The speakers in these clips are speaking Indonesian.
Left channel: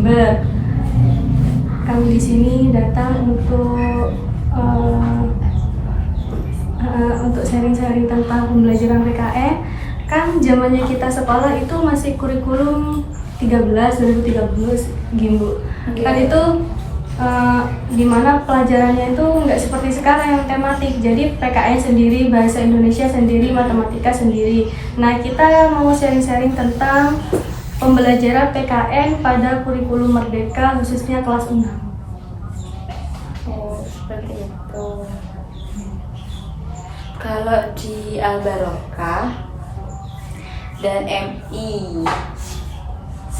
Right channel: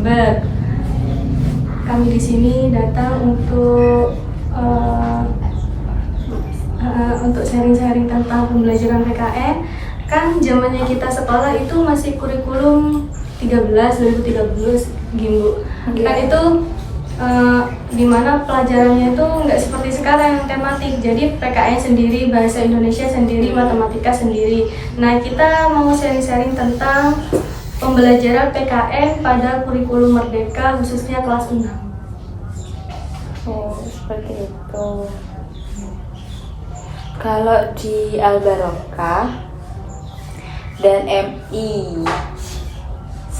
Jember. Kami di sini datang untuk sharing-sharing tentang pembelajaran PKN. Kan zamannya kita sekolah itu masih kurikulum 2013 gini Bu. Kan itu dimana pelajarannya itu nggak seperti sekarang yang tematik. Jadi PKN sendiri, bahasa Indonesia sendiri, matematika sendiri. Nah, kita mau sharing-sharing tentang pembelajaran PKN pada kurikulum Merdeka khususnya kelas 6. Oh, seperti itu. Kalau di Al-Barokah dan MI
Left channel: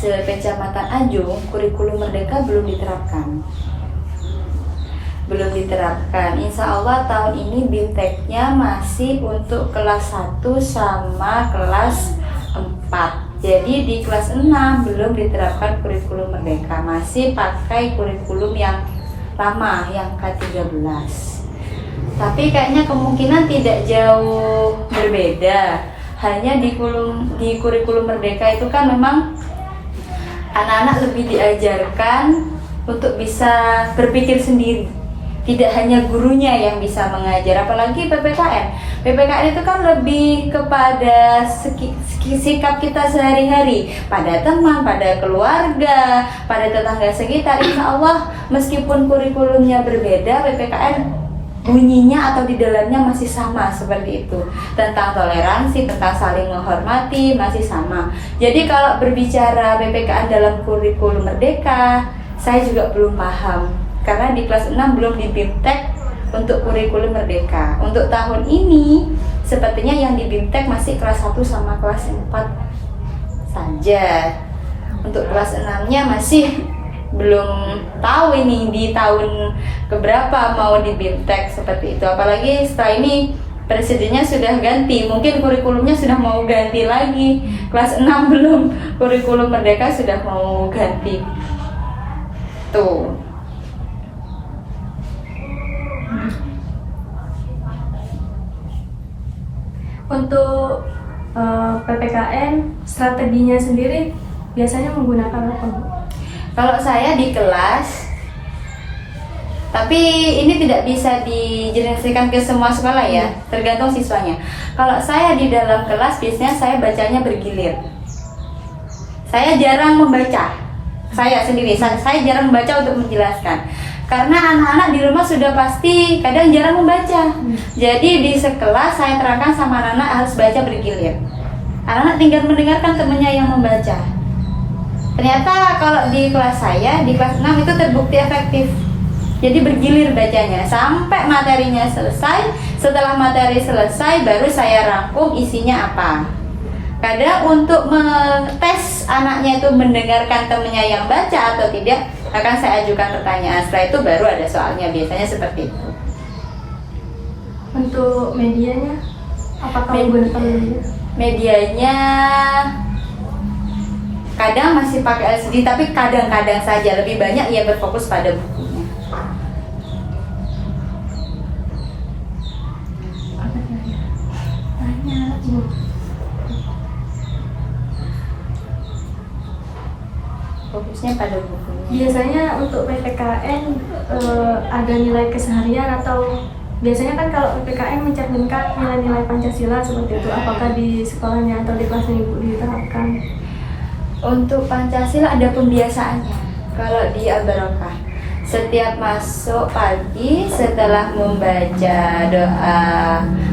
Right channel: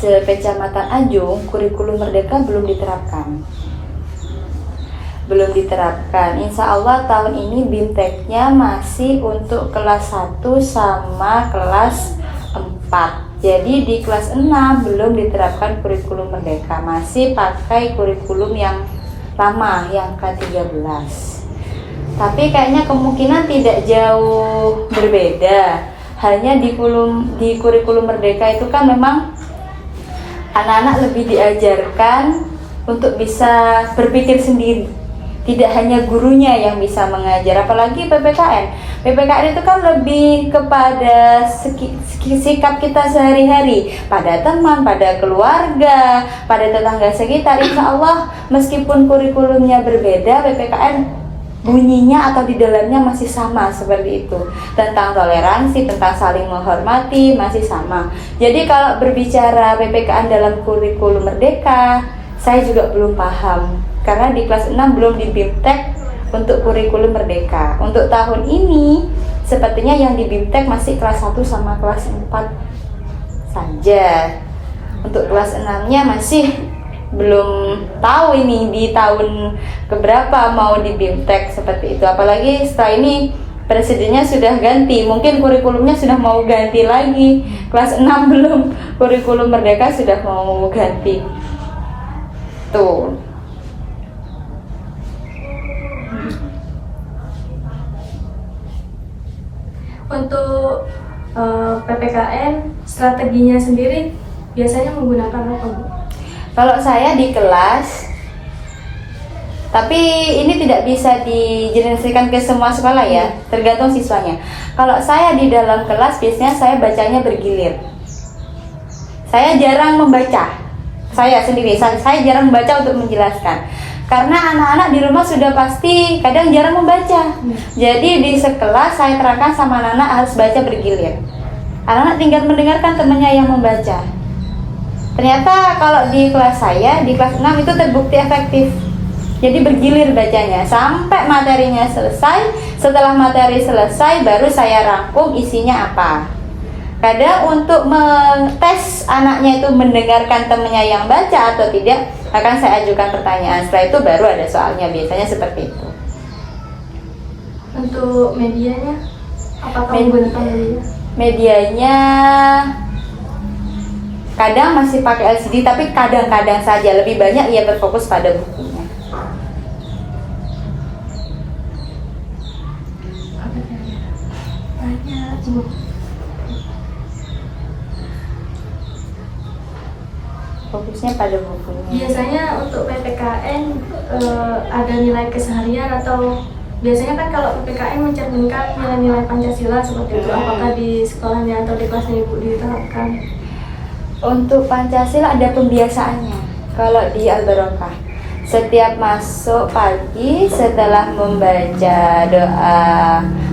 Kecamatan Ajung, kurikulum Merdeka belum diterapkan. Insya Allah tahun ini BIMTEK-nya masih untuk kelas 1 sama kelas 4. Jadi di kelas 6 belum diterapkan kurikulum Merdeka, masih pakai kurikulum yang lama, yang K13. Tapi kayaknya kemungkinan tidak jauh berbeda. Hanya di kurikulum Merdeka itu kan memang anak-anak lebih diajarkan untuk bisa berpikir sendiri. Tidak hanya gurunya yang bisa mengajar, apalagi PPKN. PPKN itu kan lebih kepada sikap kita sehari-hari, pada teman, pada keluarga, pada tetangga sekitar. Insya Allah meskipun kurikulumnya berbeda, PPKN bunyinya atau di dalamnya masih sama seperti itu. Tentang toleransi, tentang saling menghormati masih sama. Jadi kalau berbicara PPKN dalam kurikulum Merdeka, saya juga belum paham. Karena di kelas 6 belum di BIMTEK untuk kurikulum Merdeka. Untuk tahun ini sepertinya yang di BIMTEK masih kelas 1 sama kelas 4 saja. Untuk kelas 6-nya masih belum tahu ini di tahun keberapa mau di BIMTEK seperti itu. Apalagi setelah ini presidennya sudah ganti, mungkin kurikulumnya sudah mau ganti lagi. Kelas 6 belum, kurikulum Merdeka sudah mau ganti. Tuh. Untuk PPKN strateginya sendiri biasanya menggunakan apa Bu? Kalau saya di kelas, tapi ini tidak bisa dijelaskan ke semua sekolah ya, tergantung siswanya. Kalau saya di dalam kelas biasanya saya bacanya bergilir. Saya jarang membaca, saya sendiri, saya jarang membaca untuk menjelaskan. Karena anak-anak di rumah sudah pasti kadang jarang membaca. Jadi di sekelas saya terangkan sama anak-anak harus baca bergilir. Anak-anak tinggal mendengarkan temannya yang membaca. Ternyata kalau di kelas saya, di kelas 6 itu terbukti efektif. Jadi bergilir bacanya sampai materinya selesai. Setelah materi selesai baru saya rangkum isinya apa. Kadang untuk mengetes anaknya itu mendengarkan temannya yang baca atau tidak, akan saya ajukan pertanyaan. Setelah itu baru ada soalnya, biasanya seperti itu. Untuk medianya, apakah menggunakan media? Medianya kadang masih pakai LCD, tapi kadang-kadang saja. Lebih banyak ia berfokus pada bukunya. Fokusnya pada bukunya. Biasanya untuk PPKN ada nilai keseharian atau biasanya kan kalau PPKN mencerminkan nilai-nilai Pancasila seperti itu. Apakah di sekolahnya atau di kelasnya Ibu diterapkan? Untuk Pancasila ada pembiasaannya. Kalau di Al-Barokah, setiap masuk pagi setelah membaca doa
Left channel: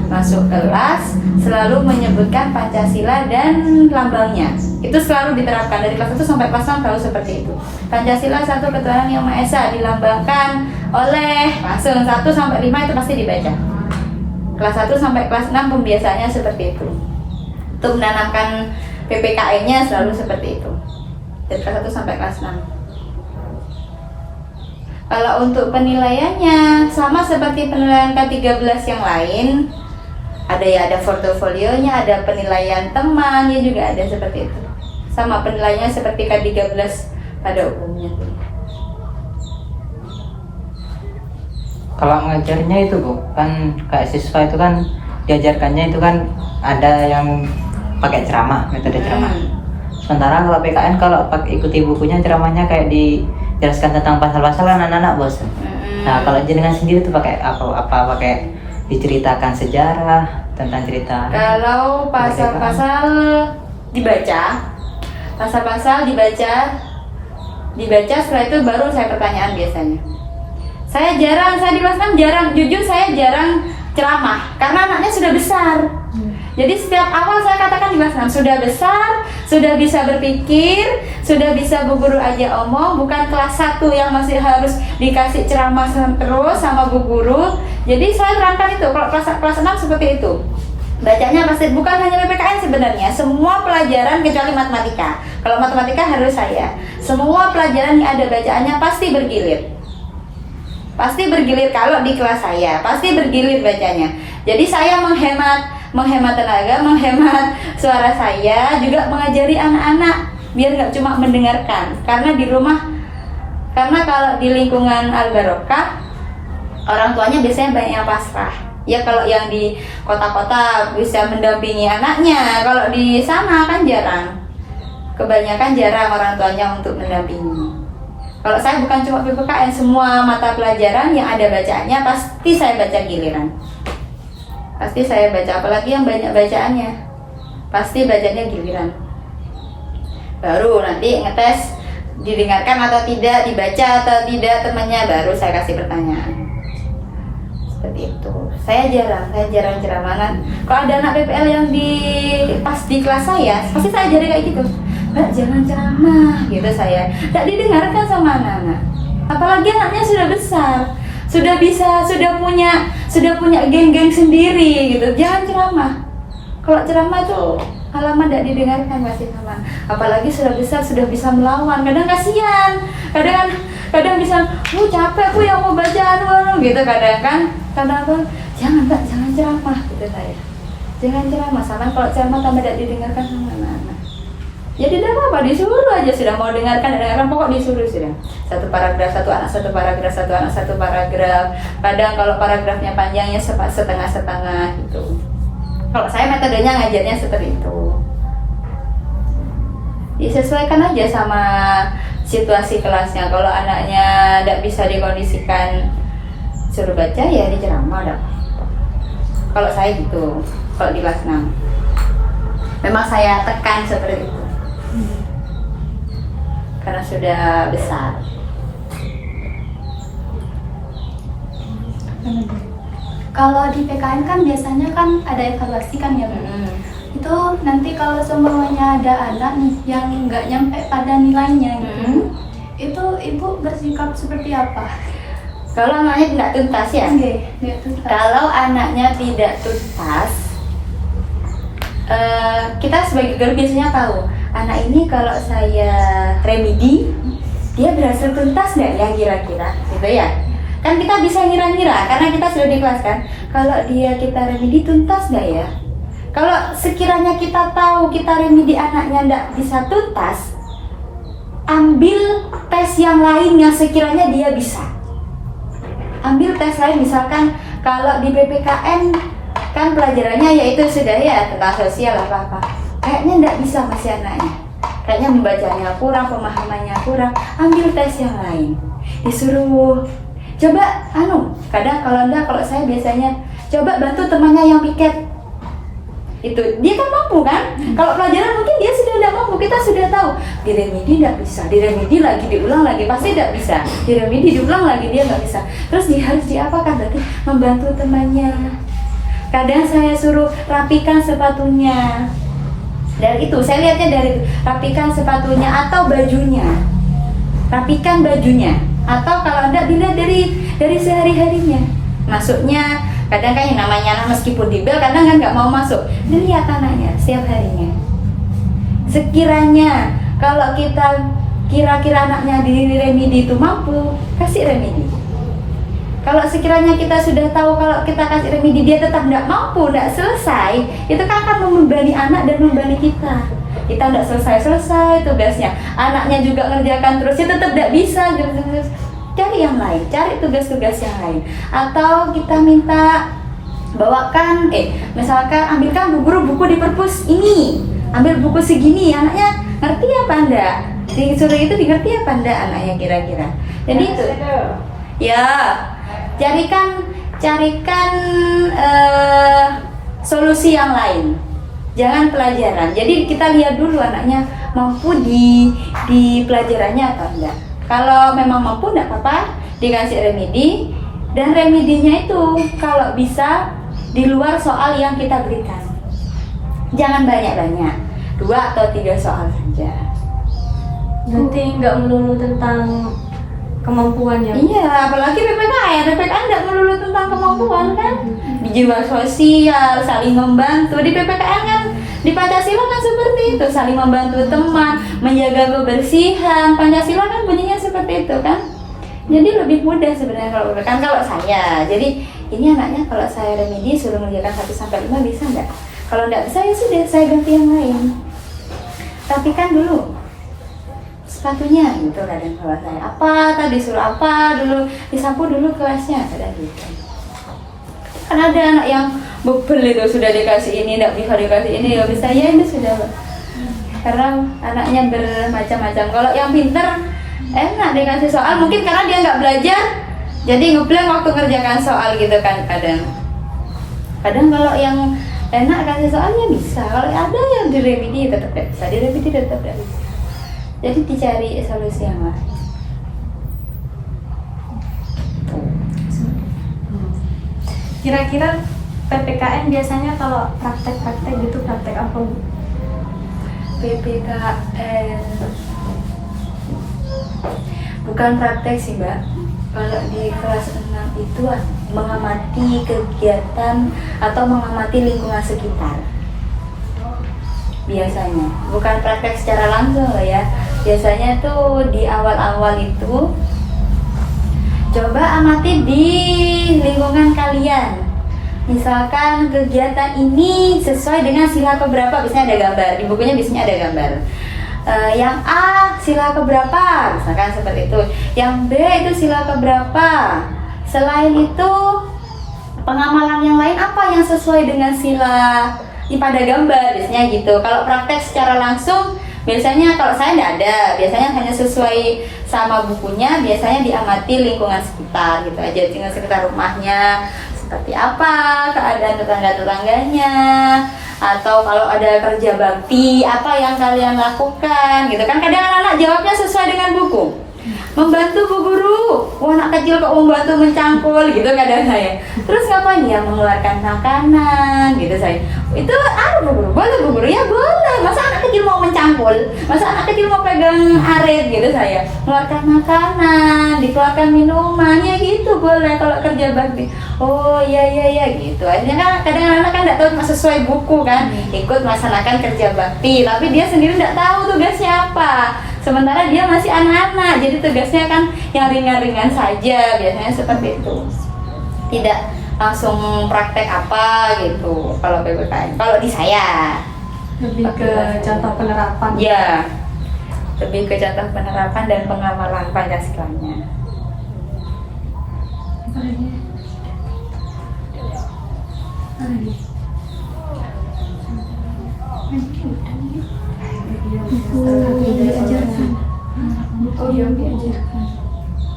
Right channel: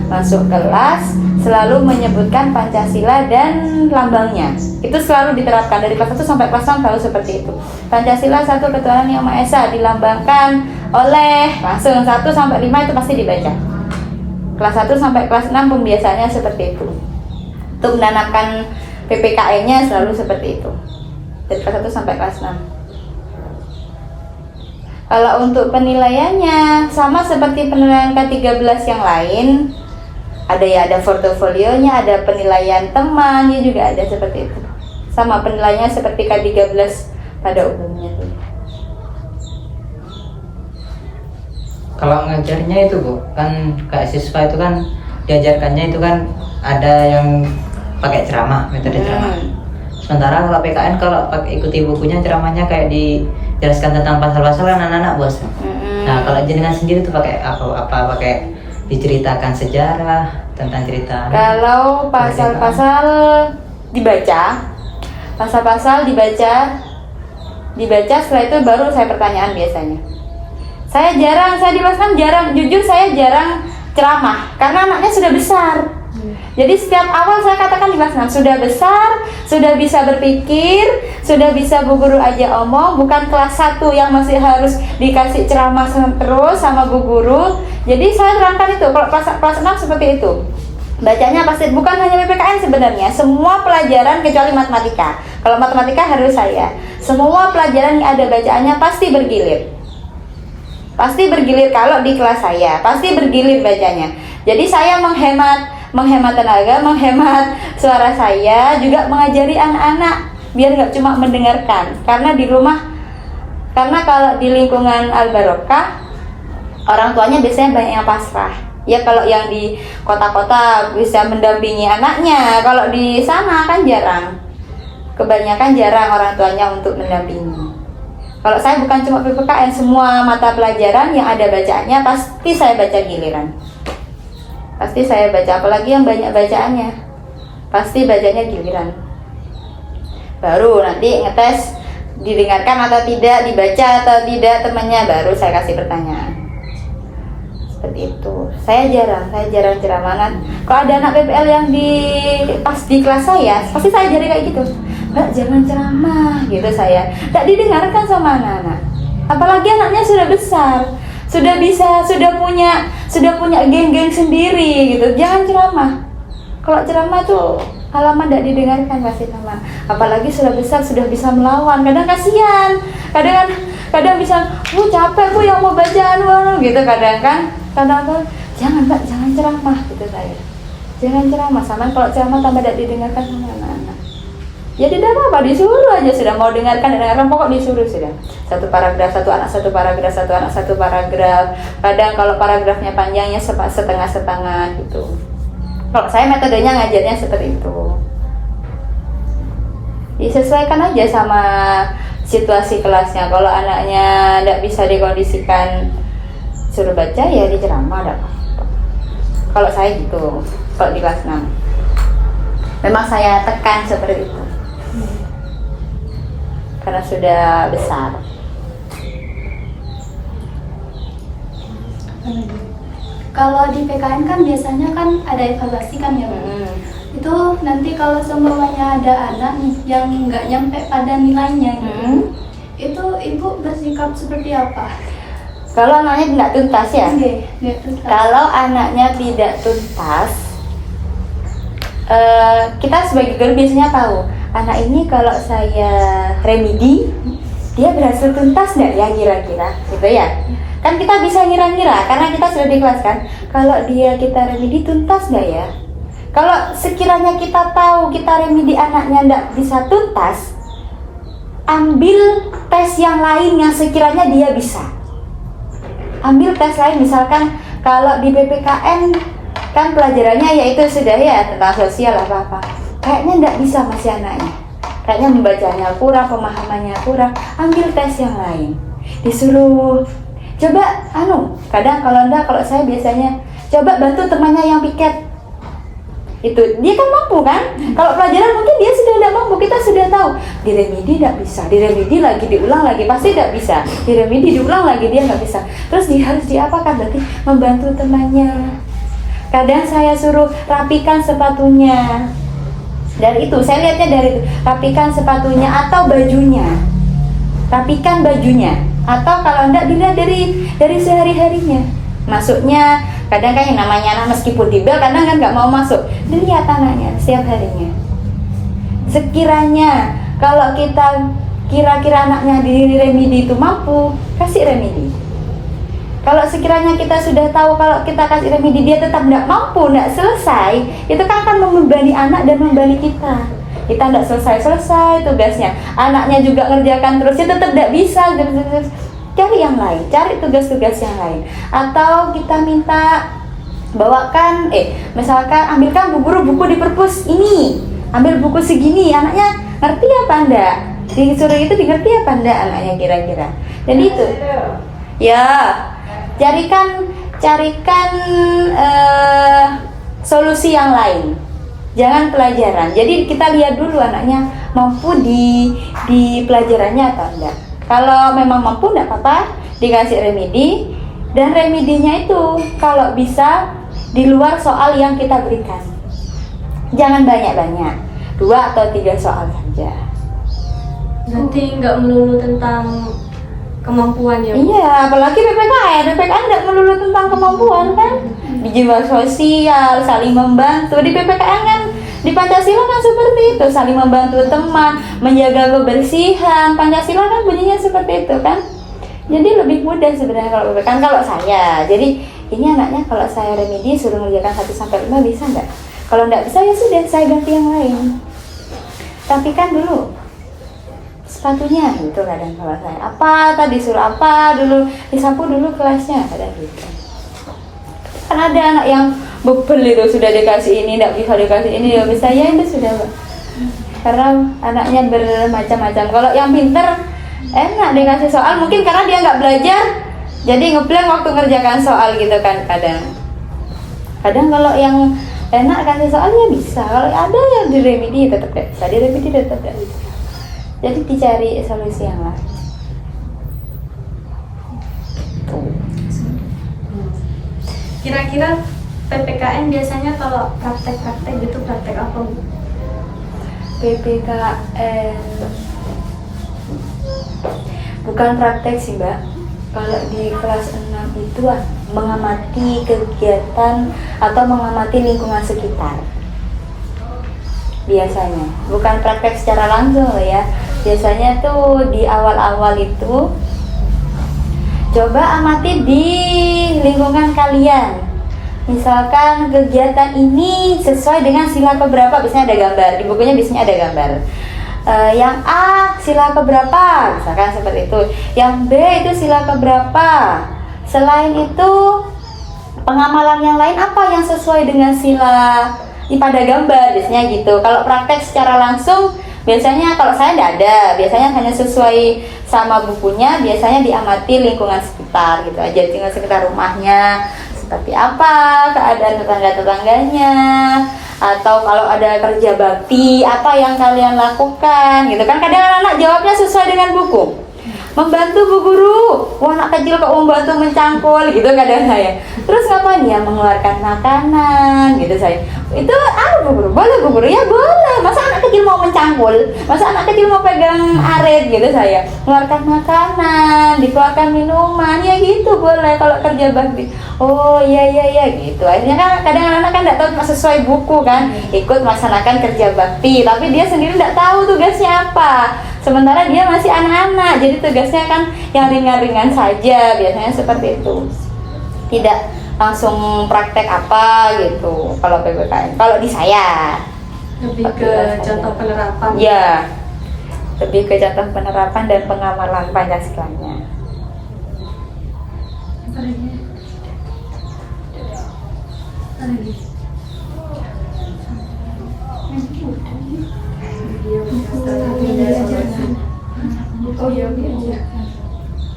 masuk kelas selalu menyebutkan Pancasila dan lambangnya. Itu selalu diterapkan dari kelas 1 sampai kelas 6 selalu seperti itu. Pancasila satu ketuhanan yang Maha Esa dilambangkan oleh langsung 1 sampai 5 itu pasti dibaca. Kelas 1 sampai kelas 6 pembiasaannya seperti itu. Untuk menanamkan PPKN-nya selalu seperti itu. Dari kelas 1 sampai kelas 6. Kalau untuk penilaiannya sama seperti penilaian K13 yang lain. Ada portofolionya, ada penilaian temannya juga ada seperti itu. Sama penilaiannya seperti K13 pada umumnya. Kalau ngajarnya itu Bu, kan kayak siswa itu kan diajarkannya itu kan ada yang pakai ceramah, metode ceramah. Sementara kalau PKN kalau pakai ikuti bukunya ceramahnya kayak dijelaskan tentang pasal-pasal kan anak-anak bos. Nah kalau jenengan sendiri tuh pakai apa pakai diceritakan sejarah tentang cerita. Kalau pasal-pasal dibaca, setelah itu baru saya pertanyaan biasanya. Saya di kelas 6 jujur saya jarang ceramah karena anaknya sudah besar. Jadi setiap awal saya katakan di kelas 6 sudah besar, sudah bisa berpikir, sudah bisa Bu Guru aja omong, bukan kelas 1 yang masih harus dikasih ceramah terus sama Bu Guru. Jadi saya terangkan itu, kalau kelas 6 seperti itu. Bacanya pasti bukan hanya PPKN sebenarnya, semua pelajaran kecuali matematika. Kalau matematika harus saya. Semua pelajaran yang ada bacaannya pasti bergilir. Pasti bergilir kalau di kelas saya, pasti bergilir bacanya. Jadi saya menghemat tenaga, menghemat suara saya, juga mengajari anak-anak biar nggak cuma mendengarkan. Karena di rumah, karena kalau di lingkungan Al-Barokah, orang tuanya biasanya banyak yang pasrah. Ya kalau yang di kota-kota bisa mendampingi anaknya, kalau di sana kan jarang. Kebanyakan jarang orang tuanya untuk mendampingi. Kalau saya bukan cuma PPKN, semua mata pelajaran yang ada bacaannya pasti saya baca giliran. Pasti saya baca, apalagi yang banyak bacaannya. Pasti bacanya giliran. Baru nanti ngetes didengarkan atau tidak, dibaca atau tidak temannya, baru saya kasih pertanyaan. Seperti itu. Saya jarang ceramah. Kalau ada anak PPL yang pas di kelas saya, pasti saya jadi kayak gitu. Mbak, jangan ceramah gitu saya. Tak didengarkan sama anak-anak. Apalagi anaknya sudah besar, sudah punya geng-geng sendiri gitu. Jangan ceramah. Kalau ceramah tuh halaman tidak didengarkan pasti teman. Apalagi sudah besar, sudah bisa melawan. Kadang kasihan. Kadang bisa, capek Bu yang mau bacaan gitu. Kadang tuh jangan ceramah gitu saya. Jangan ceramah, sama kalau ceramah tambah tidak didengarkan sama anak-anak. Ya tidak apa-apa, disuruh aja sudah, mau dengarkan pokok disuruh sudah. Satu paragraf, satu anak satu paragraf. Kadang kalau paragrafnya panjangnya setengah-setengah gitu. Kalau saya metodenya ngajarnya seperti itu. Disesuaikan aja sama situasi kelasnya. Kalau anaknya tidak bisa dikondisikan suruh baca, ya diceramah. Kalau saya gitu, kalau di kelas 6 memang saya tekan seperti itu. Karena sudah besar. Kalau di PKN kan biasanya kan ada evaluasi kan ya Bu? Itu nanti kalau semuanya ada anak nih yang nggak nyampe pada nilainya gitu, itu Ibu bersikap seperti apa? Kalau anaknya tidak tuntas ya? Nggak tuntas. Kalau anaknya tidak tuntas, kita sebagai guru biasanya tahu anak ini kalau saya remedi, dia berhasil tuntas nggak ya kira-kira, gitu ya? Kan kita bisa ngira-ngira, karena kita sudah di kelas kan. Kalau kita remedi tuntas nggak ya? Kalau sekiranya kita tahu kita remedi anaknya nggak bisa tuntas, ambil tes yang lain yang sekiranya dia bisa. Ambil tes lain, misalkan kalau di PPKN kan pelajarannya yaitu sudah ya tentang sosial apa-apa. Kayaknya nggak bisa masih anaknya, kayaknya membacanya kurang, pemahamannya kurang. Ambil tes yang lain, disuruh coba kadang kalau saya biasanya coba bantu temannya yang piket. Itu dia kan mampu kan. Kalau pelajaran mungkin dia sudah tidak mampu, kita sudah tahu diremedi tidak bisa, diremedi lagi diulang lagi pasti tidak bisa, diremedi diulang lagi dia nggak bisa. Terus harus diapakan? Berarti membantu temannya. Kadang saya suruh rapikan sepatunya. Dari itu, saya lihatnya dari itu, rapikan sepatunya atau bajunya. Rapikan bajunya. Atau kalau enggak dilihat dari sehari-harinya. Masuknya, kadang kan yang namanya anak meskipun dibel, kadang kan nggak mau masuk. Dilihat anaknya setiap harinya. Sekiranya kalau kita kira-kira anaknya di remedi itu mampu, kasih remedi. Kalau sekiranya kita sudah tahu kalau kita kasih remedi dia tetap tidak mampu, tidak selesai, itu kan akan membebani anak dan membebani kita. Kita tidak selesai tugasnya, anaknya juga ngerjakan terus, itu tetap tidak bisa. Cari yang lain, cari tugas-tugas yang lain. Atau kita minta bawakan, misalkan ambilkan Bu Guru buku di perpus ini, ambil buku segini, anaknya Ngerti apa enggak? Disuruh itu dimengerti apa enggak anaknya kira-kira? Jadi itu. Ya, carikan solusi yang lain. Jangan pelajaran. Jadi kita lihat dulu anaknya mampu di pelajarannya atau enggak. Kalau memang mampu enggak apa-apa, dikasih remedi. Dan remedinya itu kalau bisa di luar soal yang kita berikan. Jangan banyak-banyak, 2 atau 3 soal saja. Berarti nggak melulu tentang kemampuannya. Iya, apalagi PPKN nggak melulu tentang kemampuan kan. Di jiwa sosial, saling membantu. Di PPKN kan, di Pancasila kan seperti itu, saling membantu teman, menjaga kebersihan. Pancasila kan bunyinya seperti itu kan. Jadi lebih mudah sebenarnya kalau PPKN kalau saya. Jadi ini anaknya kalau saya remedi suruh mengerjakan 1-5 bisa nggak? Kalau nggak bisa ya sudah saya ganti yang lain. Rapikan dulu sepatunya gitu kadang kalau saya. Apa tadi suruh apa dulu, disapu dulu kelasnya kadang gitu. Kan ada anak yang bebel itu sudah dikasih ini, nggak bisa dikasih ini, nggak bisa ya itu sudah. Karena anaknya bermacam-macam. Kalau yang pinter enak dikasih soal, mungkin karena dia nggak belajar jadi ngeblank waktu ngerjakan soal gitu kan. Kadang kalau yang enak kasih soal ya bisa, kalau ada yang diremedi tetap tidak bisa, diremedi tetap tidak bisa. Jadi dicari solusi yang lain. Kira-kira PPKN biasanya kalau praktek-praktek gitu praktek apa Bu? PPKN bukan praktek sih Mbak. Kalau di kelas 6 itu mengamati kegiatan atau mengamati lingkungan sekitar. Biasanya bukan praktek secara langsung loh ya. Biasanya tuh di awal-awal itu coba amati di lingkungan kalian. Misalkan kegiatan ini sesuai dengan sila keberapa, biasanya ada gambar di bukunya, biasanya ada gambar. Yang A sila keberapa, misalkan seperti itu. Yang B itu sila keberapa. Selain itu pengamalan yang lain apa yang sesuai dengan sila pada gambar, biasanya gitu. Kalau praktek secara langsung biasanya kalau saya tidak ada, biasanya hanya sesuai sama bukunya, biasanya diamati lingkungan sekitar gitu aja, lingkungan sekitar rumahnya seperti apa, keadaan tetangga-tetangganya, atau kalau ada kerja bakti apa yang kalian lakukan gitu kan. Kadang anak-anak jawabnya sesuai dengan buku. Membantu Bu Guru, wah anak kecil kok membantu mencangkul gitu kadang saya. Terus ngapain ya, mengeluarkan makanan gitu saya. Itu Bu Guru, boleh Bu Guru, ya boleh. Masa anak kecil mau mencangkul, masa anak kecil mau pegang arit gitu saya. Mengeluarkan makanan, dikeluarkan minuman, ya gitu boleh kalau kerja bakti. Oh iya gitu. Akhirnya kan kadang anak-anak kan nggak tahu cuma sesuai buku kan, ikut melaksanakan kerja bakti, tapi dia sendiri nggak tahu tugasnya apa. Sementara dia masih anak-anak, jadi tugasnya kan yang ringan-ringan saja, biasanya seperti itu. Tidak langsung praktek apa gitu kalau PPKN. Kalau di saya Lebih ke contoh penerapan. ya, lebih ke contoh penerapan dan pengamalan Pancasilanya.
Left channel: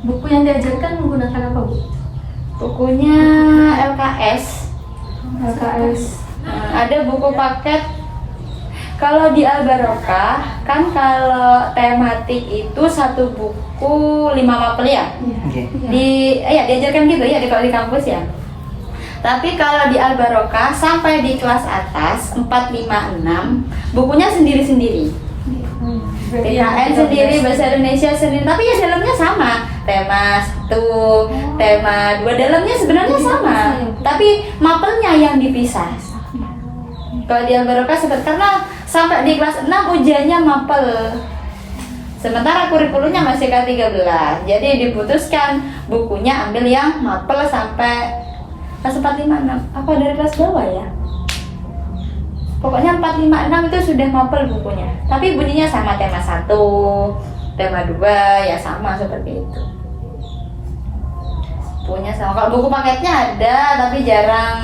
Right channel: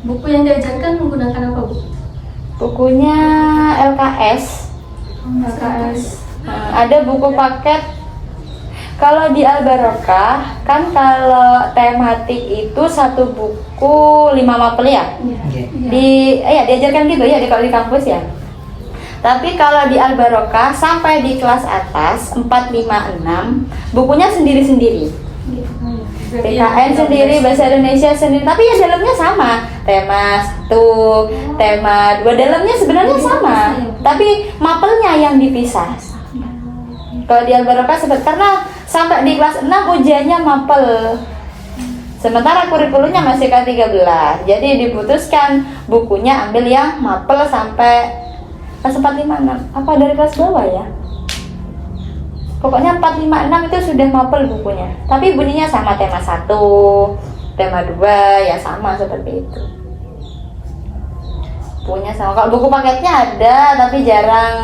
Buku yang diajarkan menggunakan apa Bu? Bukunya LKS. Ada buku paket. Kalau di Al-Barokah kan kalau tematik itu satu buku 5 mapel ya. Diajarkan gitu ya kalau di kampus ya. Tapi kalau di Al-Barokah sampai di kelas atas 4, 5, 6 bukunya sendiri-sendiri. PKN sendiri, bahasa Indonesia sendiri, tapi ya dalamnya sama. Tema 1, tema 2, dalamnya sebenarnya sama, tapi mapelnya yang dipisah. Kalau di Al-Barokah karena sampai di kelas 6 ujiannya mapel. Sementara kurikulumnya masih K13. Jadi diputuskan bukunya ambil yang mapel sampai kelas 4, 5, 6. Apa dari kelas bawah ya? Pokoknya 4, 5, 6 itu sudah mapel bukunya. Tapi bunyinya sama, tema 1, tema 2 ya sama seperti itu. Bukunya sama. Kalau buku paketnya ada tapi jarang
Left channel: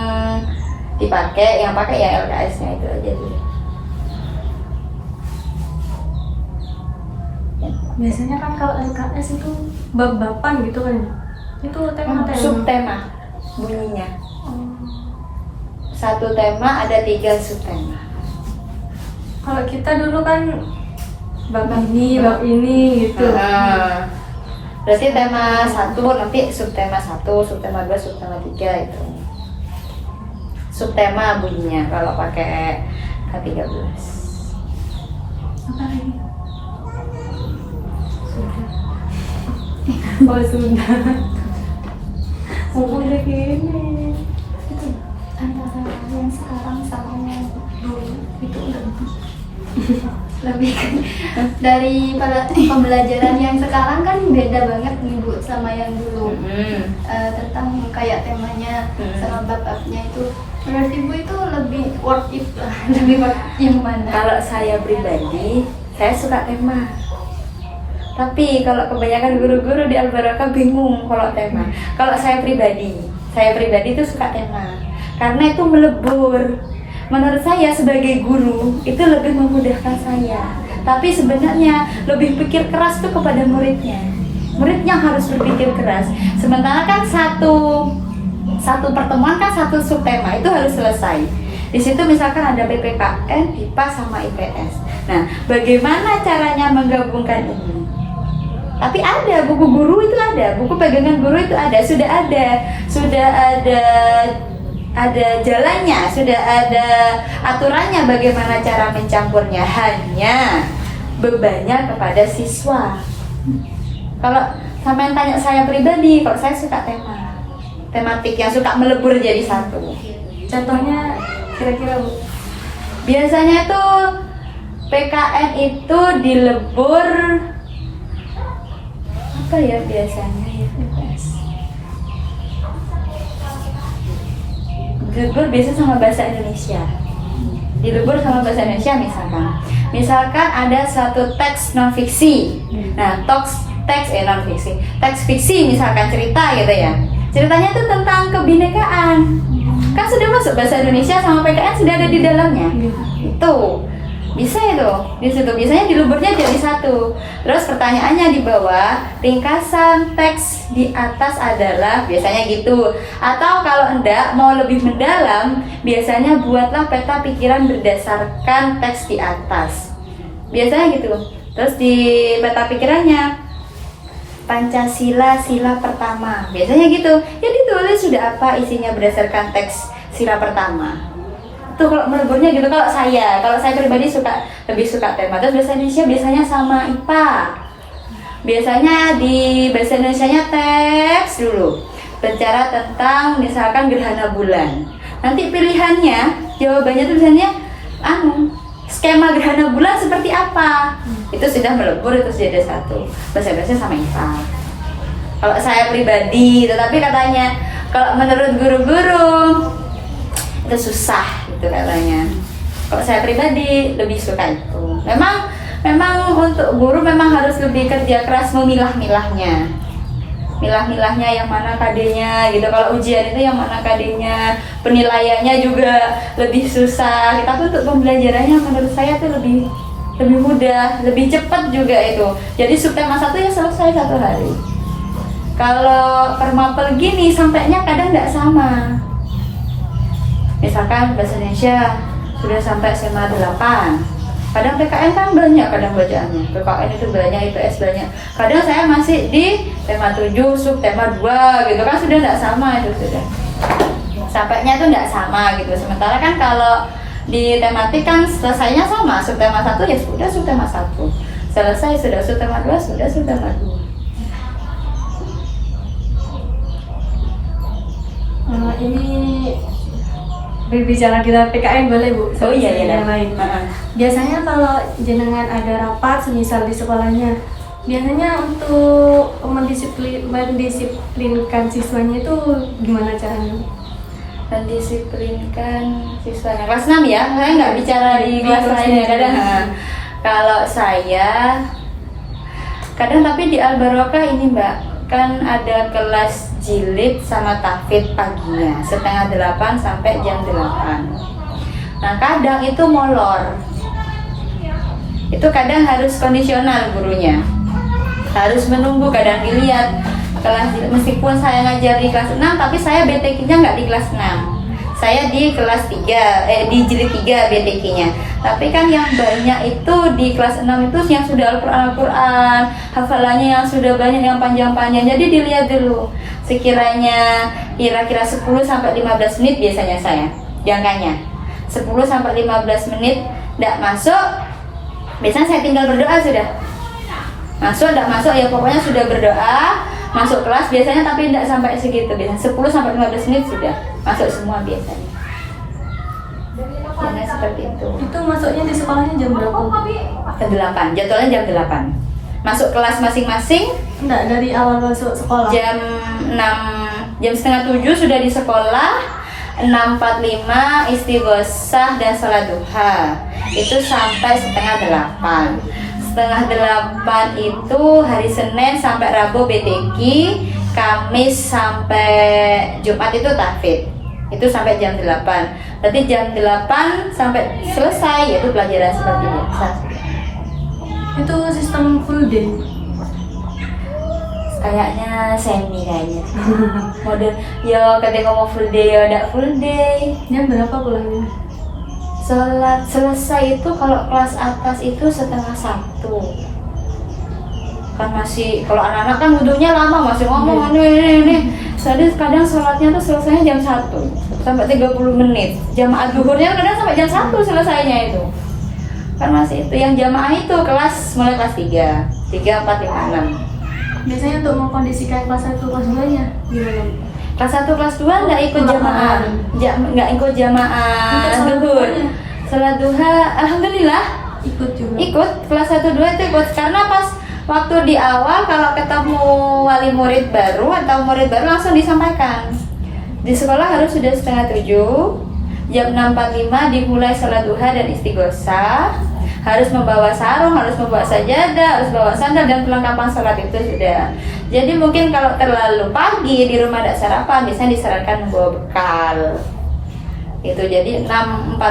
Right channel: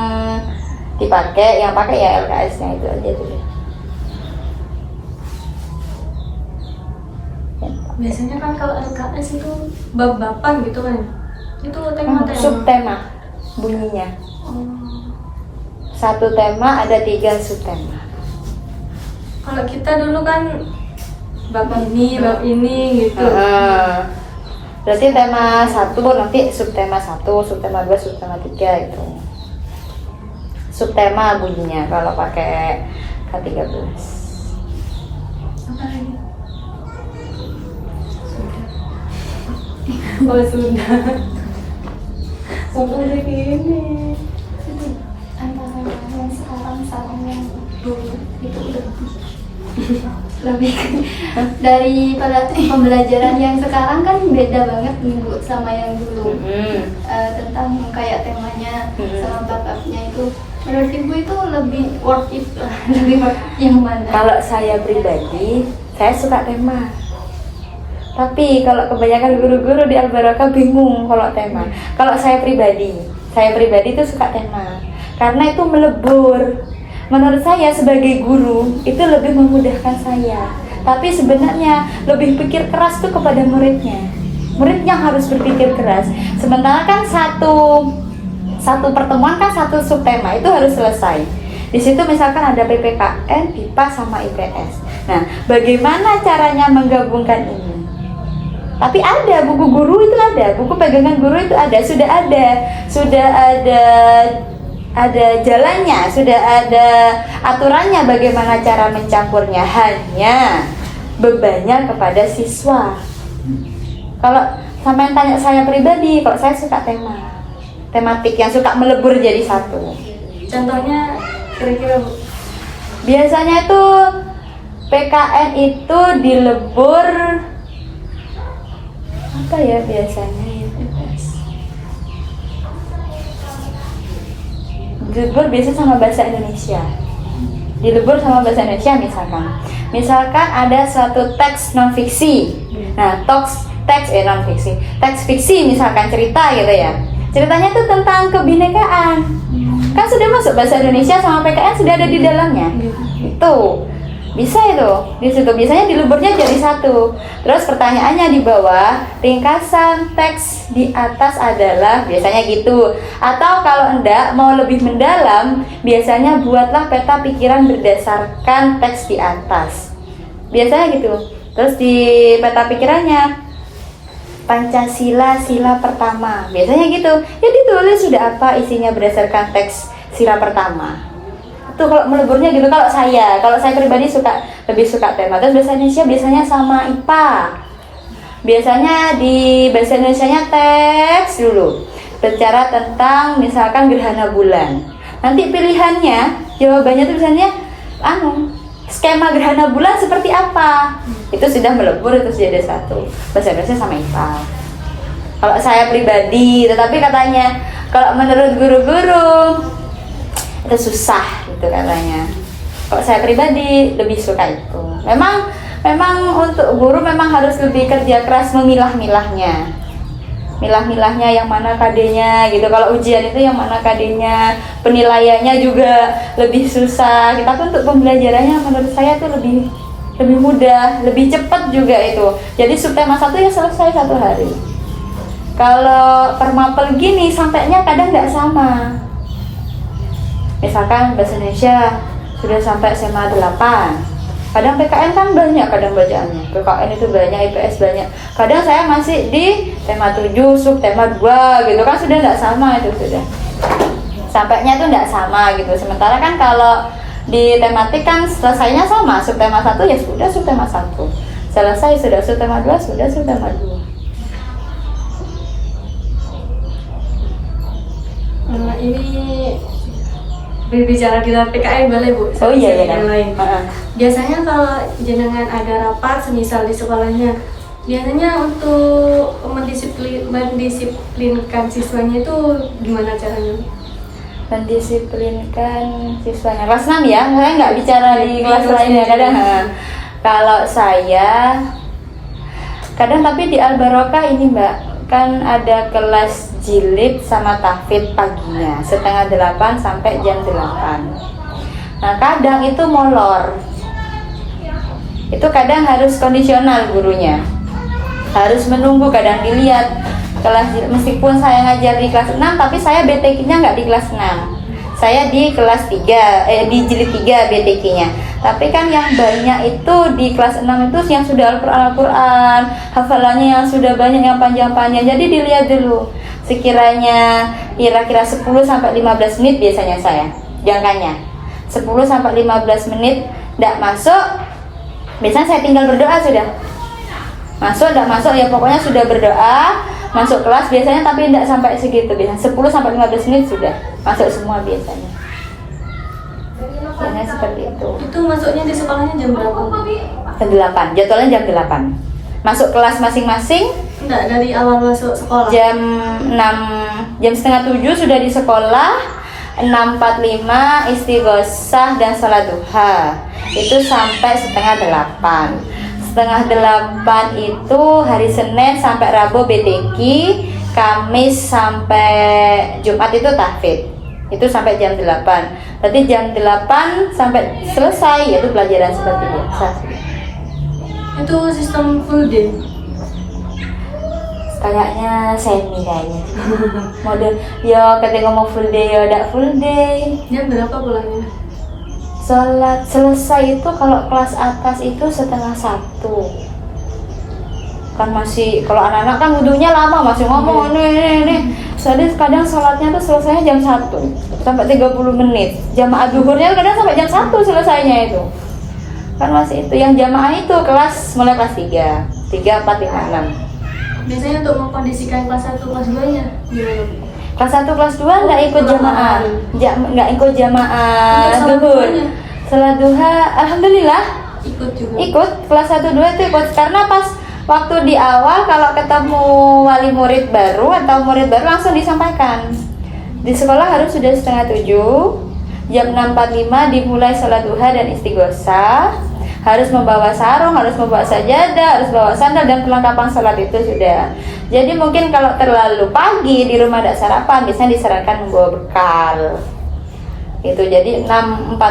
dipakai. Yang pakai ya LKS-nya itu aja dulu. Biasanya kan kalau LKS itu bab-bapan gitu kan. Itu tema-tema. Subtema bunyinya. Satu tema ada 3 subtema. Kalau kita dulu kan bab ini gitu. Berarti tema 1 nanti subtema 1, subtema 2, subtema 3 itu. Subtema bunyinya kalau pakai K13. Apa lagi? Oh sudah. Umur gini. Itu antara yang sekarang sama yang dulu itu lebih dari pada pembelajaran yang sekarang kan beda banget nih Bu sama yang dulu. Tentang kayak temanya sama bab-babnya itu menurut Ibu itu lebih worth it lah. Lebih worth it yang mana? Kalau saya pribadi, saya suka tema. Tapi kalau kebanyakan guru-guru di Al-Barakah bingung kalau tema. Kalau saya pribadi itu suka tema. Karena itu melebur. Menurut saya sebagai guru itu lebih memudahkan saya. Tapi sebenarnya lebih pikir keras tuh kepada muridnya. Muridnya harus berpikir keras. Sementara kan satu pertemuan kan satu subtema itu harus selesai. Di situ misalkan ada PPKN, IPA sama IPS. Nah, bagaimana caranya menggabungkan ini? Tapi ada buku guru itu ada, buku pegangan guru itu ada, sudah ada jalannya, sudah ada aturannya bagaimana cara mencampurnya. Hanya bebannya kepada siswa. Kalau sama yang tanya saya pribadi, kalau saya suka tematik yang suka melebur jadi satu. Contohnya kira-kira Bu. Biasanya tuh PKN itu dilebur apa ya biasanya itu guys? Dilebur biasanya sama bahasa Indonesia. Dilebur sama bahasa Indonesia misalkan ada suatu teks non fiksi. Nah, teks fiksi misalkan cerita gitu ya. Ceritanya itu tentang kebinekaan. Kan sudah masuk bahasa Indonesia sama PKN sudah ada di dalamnya. Itu bisa itu di situ biasanya dileburnya jadi satu. Terus pertanyaannya di bawah, ringkasan teks di atas adalah biasanya gitu. Atau kalau enggak mau lebih mendalam, biasanya buatlah peta pikiran berdasarkan teks di atas. Biasanya gitu. Terus di peta pikirannya Pancasila sila pertama. Biasanya gitu. Ya ditulis sudah apa isinya berdasarkan teks sila pertama. Tuh kalau meleburnya gitu. Kalau saya pribadi lebih suka tema. Terus bahasa Indonesia biasanya sama IPA. Biasanya di bahasa Indonesianya teks dulu. Bicara tentang misalkan gerhana bulan. Nanti pilihannya, jawabannya tuh biasanya skema gerhana bulan seperti apa. Itu sudah melebur, itu sudah ada satu. Bahasa Indonesia sama IPA. Kalau saya pribadi, tetapi katanya kalau menurut guru-guru itu susah gitu katanya. Kalau saya pribadi lebih suka itu. Memang untuk guru memang harus lebih kerja keras memilah-milahnya. Milah-milahnya yang mana KD-nya gitu. Kalau ujian itu yang mana KD-nya, penilaiannya juga lebih susah. Tapi untuk pembelajarannya menurut saya tuh lebih mudah, lebih cepat juga itu. Jadi subtema 1 ya selesai 1 hari. Kalau per mapel gini sampainya kadang nggak sama. Misalkan bahasa Indonesia sudah sampai SMA 8. Kadang PKN kan banyak kadang bacaannya. PKN itu banyak, IPS banyak. Kadang saya masih di tema 7, subtema 2 gitu kan sudah nggak sama itu sudah. Sampainya itu nggak sama gitu. Sementara kan kalau di tematik kan selesainya sama, subtema 1 ya sudah subtema 1. Selesai sudah subtema 2, sudah subtema 2. Ini berbicara di dalam PKN boleh Bu? Oh iya yang lain. Biasanya kalau jenengan ada rapat semisal di sekolahnya, biasanya untuk mendisiplinkan siswanya itu gimana caranya? Mendisiplinkan siswanya kelas 6 ya, saya nggak bicara di kelas lainnya kadang. Kalau saya kadang tapi di Al-Barakah ini Mbak, kan ada kelas jilid sama tahfidz paginya setengah 8 sampai jam 8. Nah kadang itu molor, itu kadang harus kondisional gurunya. harus menunggu, kadang dilihat kelas, meskipun saya ngajar di kelas 6 tapi saya BTK-nya nggak di kelas 6, saya di kelas 3, di jilid 3 BTK-nya. Tapi kan yang banyak itu di kelas 6 itu yang sudah Al-Quran, hafalannya yang sudah banyak, yang panjang-panjang. Jadi dilihat dulu sekiranya kira-kira 10 sampai 15 menit biasanya saya jangkanya 10 sampai 15 menit tidak masuk, biasanya saya tinggal berdoa sudah. Masuk tidak masuk ya pokoknya sudah berdoa, masuk kelas biasanya, tapi tidak sampai segitu, biasanya 10 sampai 15 menit sudah masuk semua biasanya. Biasanya seperti itu. Itu masuknya di sekolahnya jam berapa? Jam 8, jadwalnya jam 8. Masuk kelas masing-masing Enggak, dari awal masuk sekolah. jam 6, jam setengah 7 sudah di sekolah. 6.45 istighosah dan salat duha. Itu sampai setengah 8. Setengah 8 itu hari Senin sampai Rabu BTQ, Kamis sampai Jumat itu tahfidz. Itu sampai jam 8. Berarti jam 8 sampai selesai yaitu pelajaran seperti biasa. Itu sistem full day. Kayaknya semi kayaknya. Model ya kadang ngomong full day ya ada full day. Jam berapa pulangnya? Sholat selesai itu kalau kelas atas itu setengah 1. Kan masih, kalau anak-anak kan wudhunya lama, masih ngomong ini. Soalnya kadang sholatnya tuh selesainya jam 1 sampai 30 menit. Jamaah duhurnya kadang sampai jam 1 selesainya itu. Kan masih itu yang jamaah itu kelas mulai kelas 3, 4, 5, 6. Biasanya untuk mengkondisikan kelas 1, kelas 2-nya gimana? Kelas 1, kelas 2 nggak ikut jamaah, nggak ikut jamaah duhur. Salat duha, alhamdulillah Ikut juga. ikut. Kelas 1, 2 itu ikut karena pas waktu di awal kalau ketemu wali murid baru atau murid baru langsung disampaikan. Di sekolah harus sudah setengah 7, jam 6.45 dimulai salat duha dan istighosah. Harus membawa sarung, harus membawa sajadah, harus bawa sandal dan perlengkapan salat itu sudah. Jadi mungkin kalau terlalu pagi di rumah ada sarapan, biasanya disarankan membawa bekal. Itu jadi 6.45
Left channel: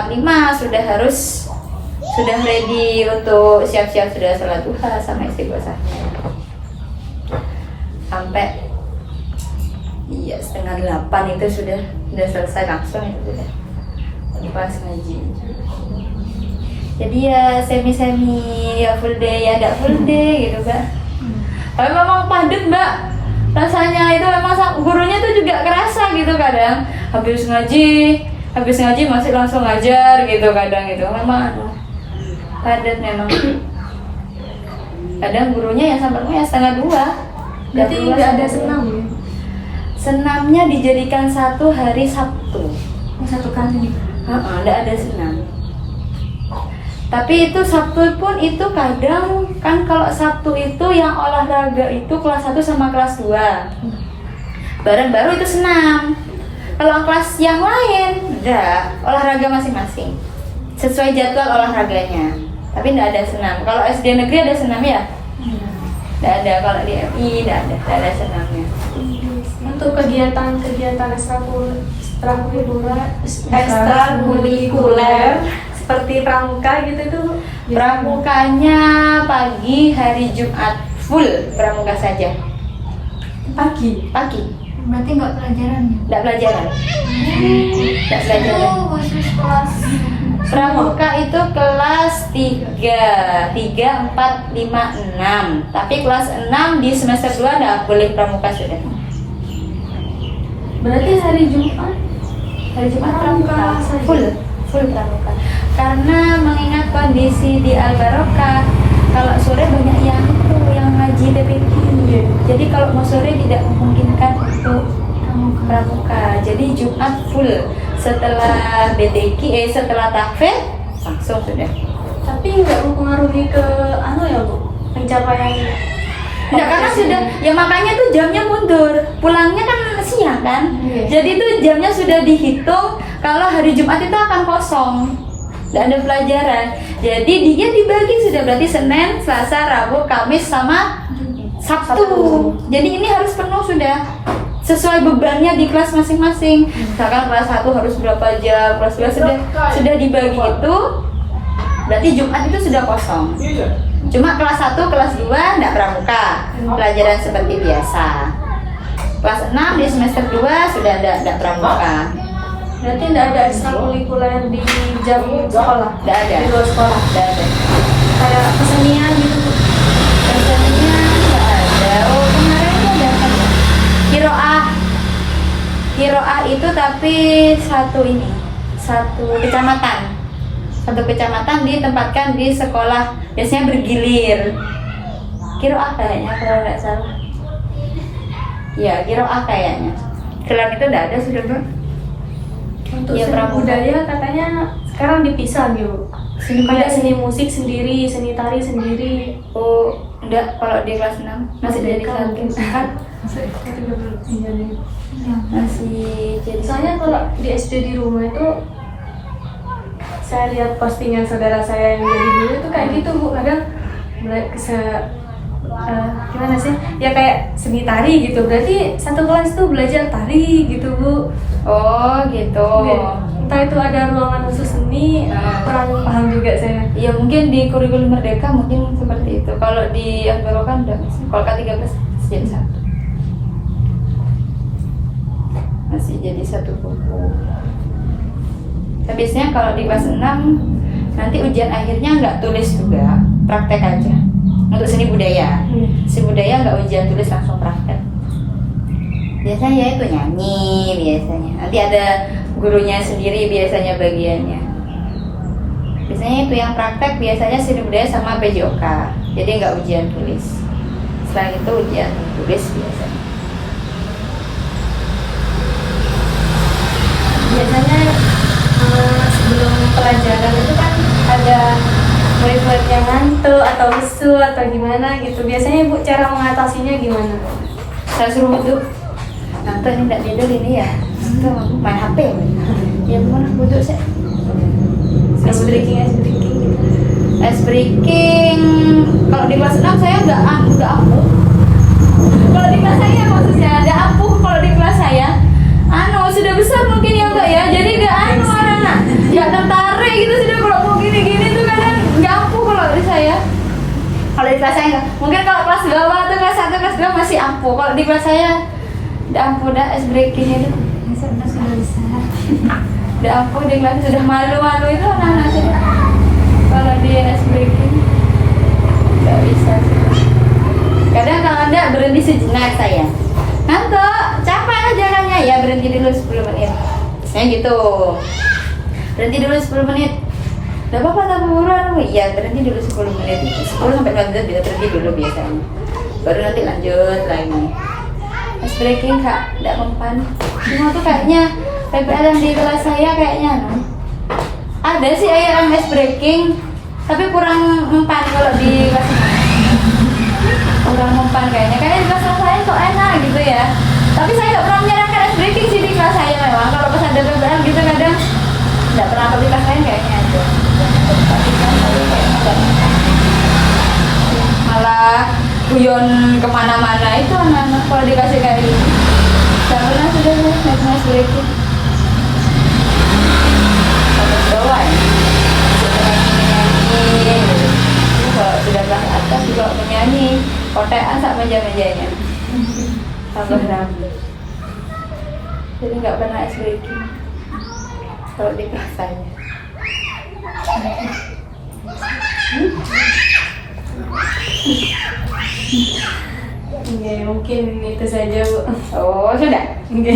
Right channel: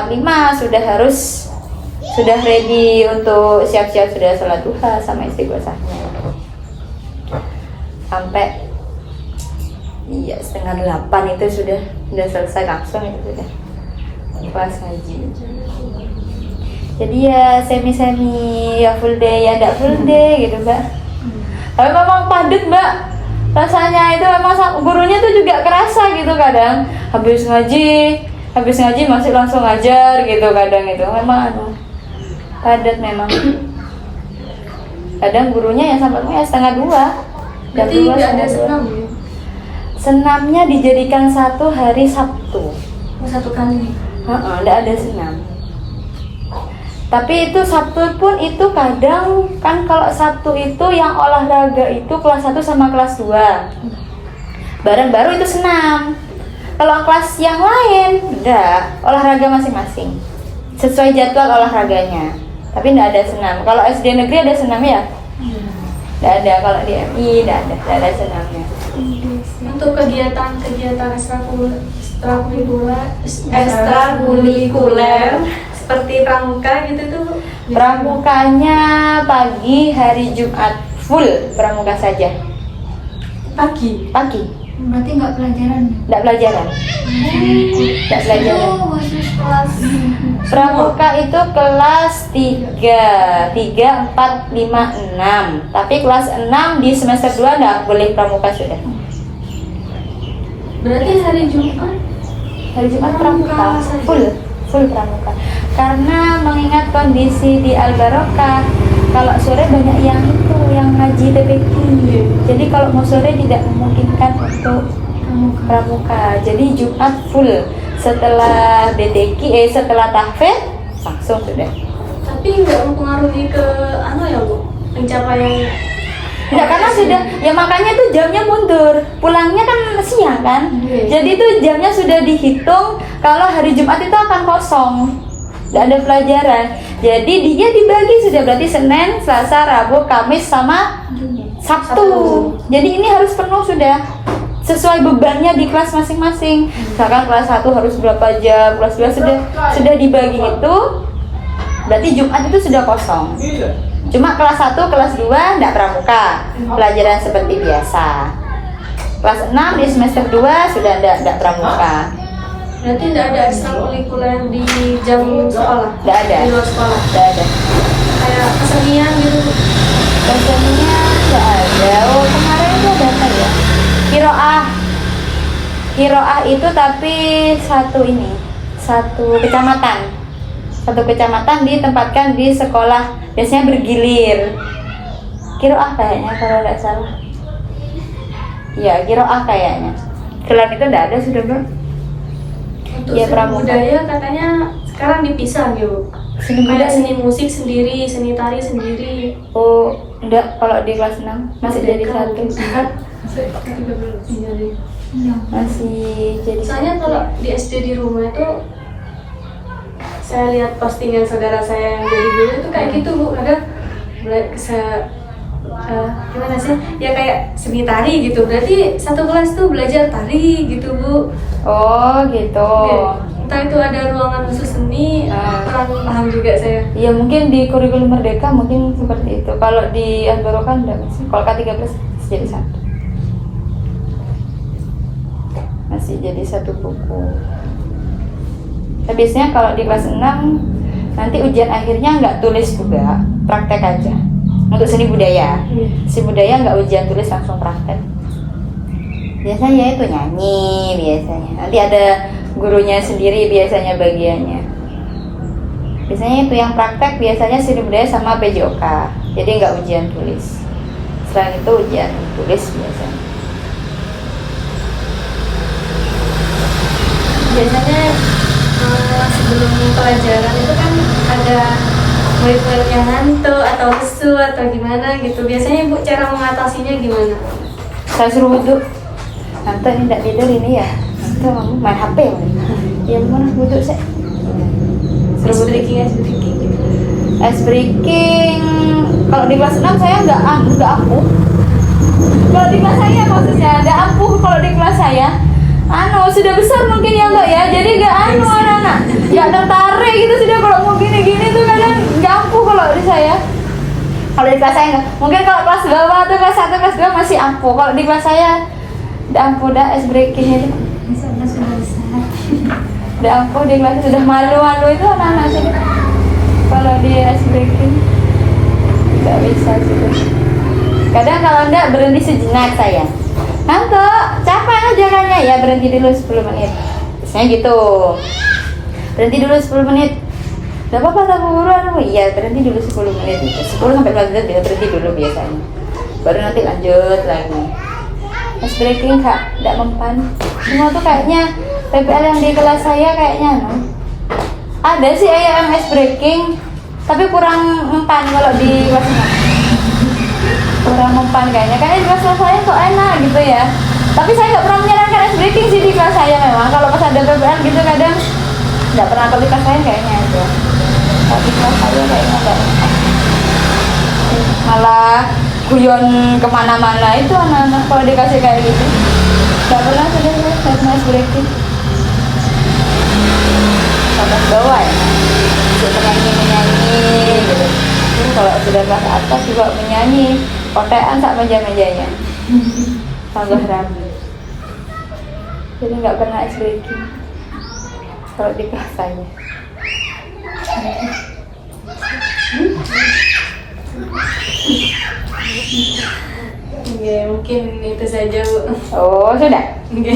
sudah ready untuk siap-siap sudah salat duha sama istighosahnya. Sampai iya setengah 8 itu sudah selesai langsung itu sudah kelas ngaji. Jadi ya semi-semi, ya full day, ya tidak full day gitu mbak. Tapi memang padat mbak, rasanya itu memang gurunya tuh juga kerasa gitu kadang. Habis ngaji masih langsung ngajar gitu kadang itu memang padat memang. Kadang gurunya yang sampai setengah 2. Berarti nggak ada senam? Senamnya dijadikan satu hari Sabtu. Satu kali. Nggak ada senam. Tapi itu Sabtu pun itu kadang kan kalau Sabtu itu yang olahraga itu kelas 1 sama kelas 2 bareng baru itu senam. Kalau kelas yang lain enggak, olahraga masing-masing sesuai jadwal olahraganya. Tapi enggak ada senam. Kalau SD negeri ada senamnya? Enggak ada. Kalau di MI enggak ada senamnya. Untuk kegiatan ekstrakurikuler seperti pramuka gitu tuh. Pramukanya pagi hari Jumat full pramuka saja. Pagi. Berarti nggak pelajarannya? Nggak pelajaran. Nggak pelajaran. Oh, khusus kelas. Pramuka itu kelas 3, 4, 5, 6. Tapi kelas 6 di semester 2 nggak boleh pramuka sudah. Berarti hari Jumat Pramuka full pramuka. Karena mengingat kondisi di Al-Barokah, kalau sore banyak yang haji PPQ. Jadi kalau mau sore tidak memungkinkan untuk pramuka. Jadi Jumat full. Setelah BTQ, setelah tahfidz langsung sudah. Tapi nggak mempengaruhi ke ya Bu, pencapaian. Enggak, karena sudah, ya makanya itu jamnya mundur. Pulangnya kan siang kan. Jadi itu jamnya sudah dihitung. Kalau hari Jumat itu akan kosong, nggak ada pelajaran. Jadi dia dibagi sudah, berarti Senin, Selasa, Rabu, Kamis sama Sabtu. Jadi ini harus penuh sudah sesuai bebannya di kelas masing-masing. Misalkan kelas 1 harus berapa jam, kelas 2 sudah dibagi itu. Berarti Jumat itu sudah kosong. Cuma kelas 1, kelas 2 enggak pramuka, pelajaran seperti biasa. Kelas 6 di semester 2 sudah enggak pramuka. Berarti tidak ada ekstrakurikuler di jam sekolah? Enggak ada. Di luar sekolah? Enggak ada. Kayak kesenian gitu? Kesenian enggak ada. Oh, kemarin itu ada apa ya? Kiroah itu tapi satu kecamatan. Satu kecamatan ditempatkan di sekolah, biasanya bergilir. Kiroah kayaknya kalau nggak salah. Iya, kiroah kayaknya. Selain itu nggak ada sudah, Bu. Untuk Ya, seni pramuka. budaya katanya sekarang dipisah gitu. Seni Kayak budaya. seni musik sendiri, seni tari sendiri. Oh, enggak, kalau di kelas 6 masih jadi satu. Masih jadi Soalnya kalau di SD di rumah itu saya lihat postingan saudara saya yang dari dulu itu kayak gitu Bu, kadang gimana sih ya kayak seni tari gitu, berarti satu kelas tuh belajar tari gitu Bu. Oh, gitu. Entah itu ada ruangan khusus seni, kurang paham juga saya. Ya mungkin di kurikulum Merdeka mungkin seperti itu. Kalau di Akbaro kan enggak masih. Kalau K13 masih jadi satu. Masih jadi satu buku. Tapi biasanya kalau di kelas 6 nanti ujian akhirnya nggak tulis juga, praktek aja. Untuk seni budaya. Seni budaya nggak ujian tulis, langsung praktek. Biasanya itu nyanyi biasanya. Nanti ada gurunya sendiri biasanya bagiannya. Biasanya itu yang praktek biasanya seni budaya sama PJOK. Jadi nggak ujian tulis. Selain itu ujian tulis biasanya. Biasanya sebelum pelajaran itu kan ada murid-murid yang ngantuk atau lesu atau gimana gitu. Biasanya Bu cara mengatasinya gimana? Saya suruh wudhu. Tante ini nggak tidur ini ya. Tante main HP. Ya gimana wudhu saya? Ice breaking. Ice breaking. Kalau di kelas 6 saya nggak ampuh. Kalau di kelas saya maksudnya nggak ampuh. Kalau di kelas saya, sudah besar mungkin ya Mbak ya. Jadi nggak anak-anak nggak tertarik gitu sudah kalau mau gini-gini tuh kadang nggak ampuh kalau di saya. Kalau di kelas saya nggak. Mungkin kalau kelas bawah atau kelas 1, kelas 2 masih ampuh. Kalau di kelas saya nggak ampuh dah ice breaking itu. Sudah besar. Udah ampuh di kelas sudah malu-malu itu anak-anak sih. Kalau di ice breaking nggak bisa sih. Kadang kalau enggak berhenti sejenak saya. Ngantuk, capek jalannya ya berhenti dulu 10 menit. Biasanya gitu. Berhenti dulu 10 menit. Gak apa-apa tak buruan. Iya berhenti dulu 10 menit. 10 sampai 15 dia berhenti dulu biasanya. Baru nanti lanjut lagi. Ice breaking kak, tidak mempan. Semua tuh kayaknya PPL yang di kelas saya kayaknya ada sih yang ice breaking, tapi kurang mempan kalau di kelas 6. Kurang mempan kayaknya di kelas saya kok enak gitu ya. Tapi saya nggak pernah menyarankan ice breaking sih di kelas saya memang. Kalau pas ada PPL gitu kadang nggak pernah, tapi kelas saya kayaknya itu. Tapi kelas saya kayaknya nggak mempan. Malah guyon kemana-mana itu anak-anak kalau dikasih kayak gini. Gak pernah ice breaking. Sama doang. Cuma nyanyi gitu. Ini kalau sudah kelas atas juga menyanyi kontekan sak meja-mejanya. Tambah ragu. Jadi nggak pernah ice breaking kalau di kelas saya. Oke, mungkin itu saja Bu. Oh sudah. Oke.